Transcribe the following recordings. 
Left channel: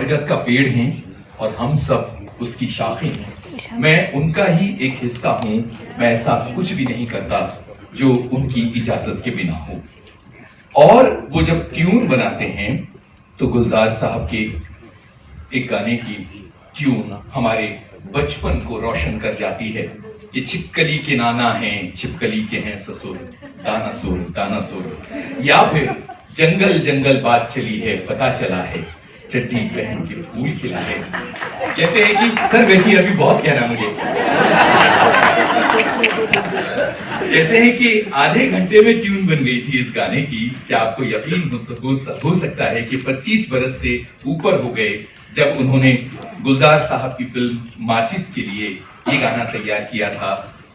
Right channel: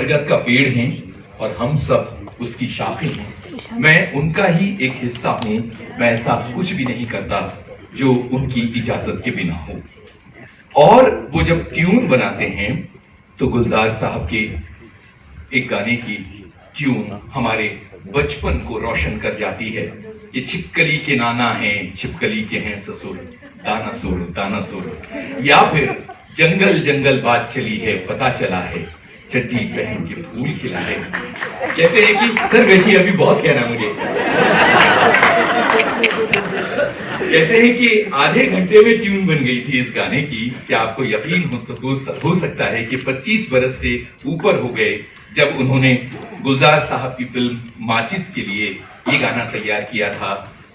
बरगद का पेड़ हैं और हम सब उसकी शाखें हैं। मैं उनका ही एक हिस्सा हूं। मैं ऐसा कुछ भी नहीं करता जो उनकी इजाजत के बिना हो। और वो जब ट्यून बनाते हैं तो गुलजार साहब के एक गाने की ट्यून हमारे बचपन को रोशन कर जाती है कि छिपकली के नाना हैं, छिपकली के हैं ससुर, दाना सुर दाना सुर। या फिर जंगल जंगल बात चली है, पता चला है चड्डी पहन के फूल खिला है। कहते हैं कि सर बैठिए, अभी बहुत कहना मुझे। कहते हैं कि आधे घंटे में ट्यून बन गई थी इस गाने की। क्या आपको यकीन हो सकता है कि 25 बरस से ऊपर हो गए जब उन्होंने गुलजार साहब की फिल्म माचिस के लिए ये गाना तैयार किया था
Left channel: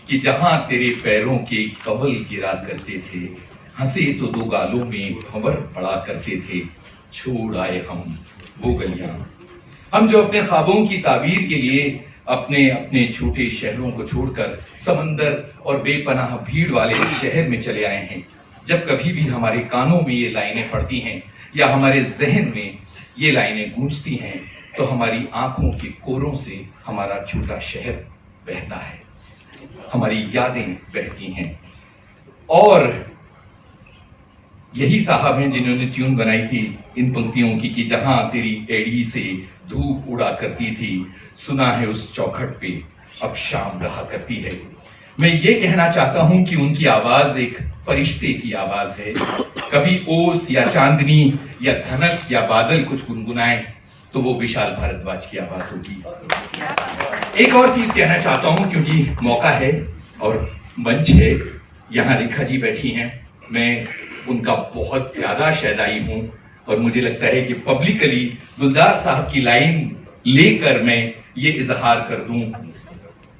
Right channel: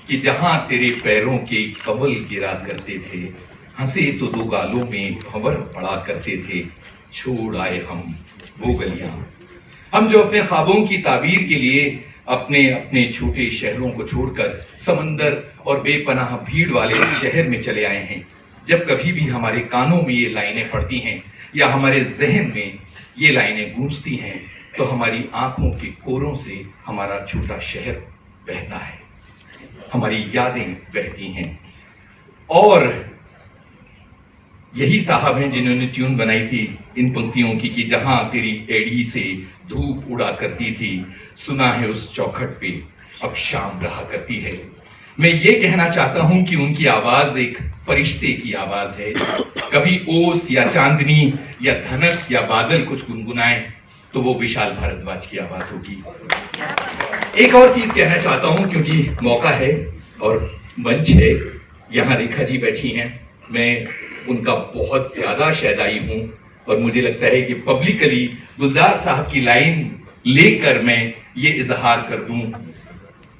कि जहां तेरे पैरों के कवल गिरा करते थे, हंसे तो दो गालों में भंवर पड़ा करते थे, छोड़ आए हम वो गलियां। हम जो अपने ख्वाबों की ताबीर के लिए अपने अपने छोटे शहरों को छोड़कर समंदर और बेपनाह भीड़ वाले शहर में चले आए हैं, जब कभी भी हमारे कानों में ये लाइनें पड़ती हैं या हमारे जहन में ये लाइनें गूंजती हैं तो हमारी आंखों के कोरों से हमारा छोटा शहर बहता है, हमारी यादें बहती हैं। और यही साहब हैं जिन्होंने ट्यून बनाई थी इन पंक्तियों की कि जहां तेरी एड़ी से धूप उड़ा करती थी, सुना है उस चौखट पे अब शाम रहा करती है। मैं ये कहना चाहता हूं कि उनकी आवाज एक फरिश्ते की आवाज है। कभी ओस या चांदनी या धनक या बादल कुछ गुनगुनाए तो वो विशाल भारद्वाज की आवाज होगी। एक और चीज कहना चाहता हूं क्योंकि मौका है और मंच है, यहाँ रेखा जी बैठी हैं। मैं उनका बहुत ज्यादा शैदाई हूं और मुझे लगता है कि पब्लिकली गुलजार साहब की लाइन लेकर मैं ये इजहार कर दूं।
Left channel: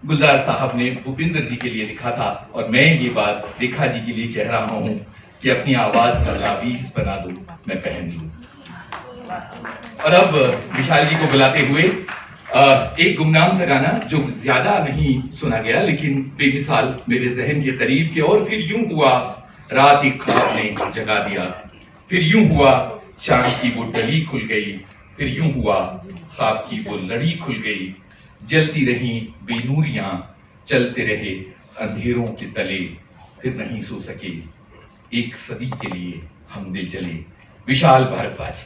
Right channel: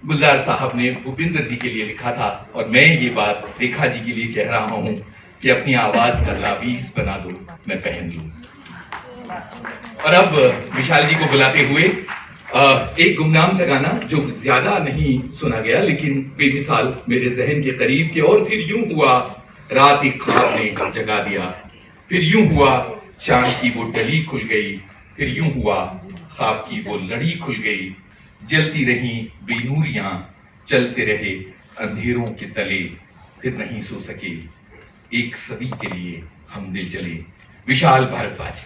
गुलजार साहब ने भूपिंदर जी के लिए लिखा था और मैं ये बात रेखा जी के लिए कह रहा हूं कि अपनी आवाज का ताबीज बना दो, मैं पहन लूं। और अब विशाल जी को बुलाते हुए एक गुमनाम सा गाना जो ज्यादा नहीं सुना गया लेकिन बेमिसाल मेरे जहन के करीब के। और फिर यूं हुआ रात एक ख्वाब ने जगा दिया, फिर यूं हुआ चांद की वो डली खुल गई, फिर यूं हुआ ख्वाब की वो लड़ी खुल गई, जलती रही बेनूरियां चलते रहे अंधेरों के तले, फिर नहीं सो सके एक सदी के लिए हम दिल जले। विशाल भारद्वाज।